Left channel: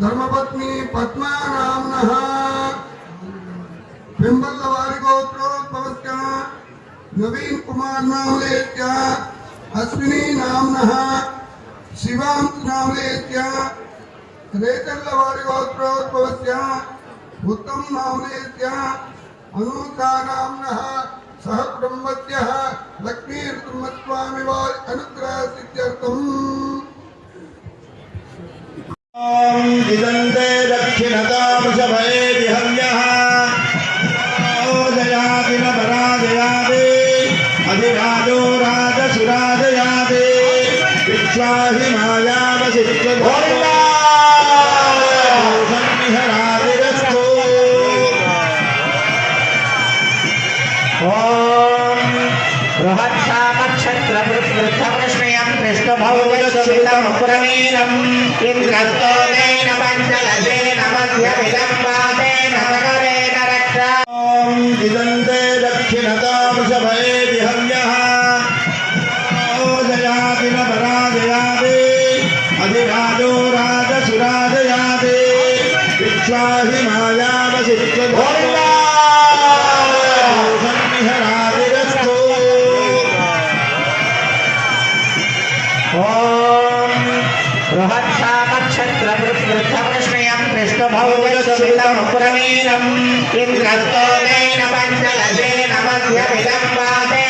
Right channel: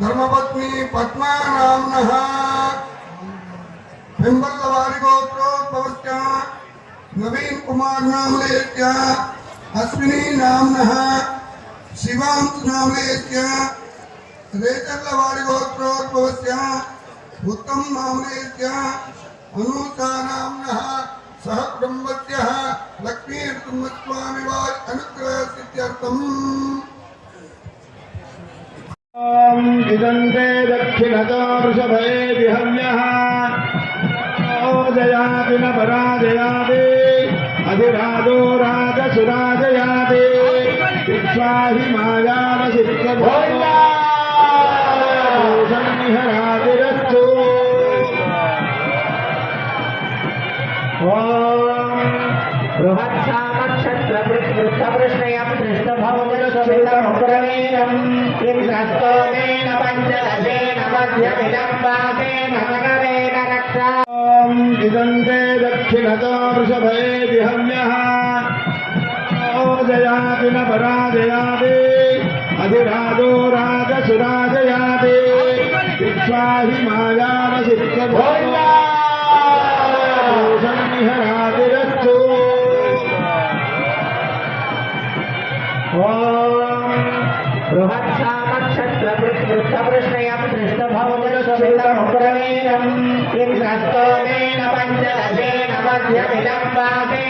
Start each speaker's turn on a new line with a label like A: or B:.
A: धर्मपत्नी पद्मानाम्नः बिम्बल्लवारिगोत्रोद्भवत्या नवीन कुमार नामलेत्या अश्विनी नाम्नः शिवांश नामलेत्या रेतल्लवारिगोत्रोद्भवत्या उत्तम नामलेत्या अनूता नाम्नः सह ब्रह्मत्यः लक्ष्मीर्तुमत्वामिवाय
B: अनुग्रहसिद्ध्यर्थम्। जिदन्ते दक्षिणता वृषभे विहव्यः ओजयापि न पराजयापि अधिराजो राजसुराजयापि इच्छाहि मायावसित्वभोगा संहरातिरस्तु ॐ
C: बृहत्सामक्षत्रवृत्तकृष्णयं कृष्णभौजसुतमुग्रवीरम् इन्द्रस्तोमेन पञ्चदशेन मध्यमिदं पादेन नगरेण रक्षा।
B: इदन्ते दक्षिणतो वृषभेति हव्यः ओजयाति न पराजयाति अधिराजो राजसुराजयाति इच्छाहि मायावसित्वसन्निहरातिरस्तु ॐ
C: बृहत्सामक्षत्रवृत्तकृष्णयं कृष्णभौजसुतमुग्रवीरम् इन्द्रस्तोमेन पञ्चदशेन मध्यमिदं पादेन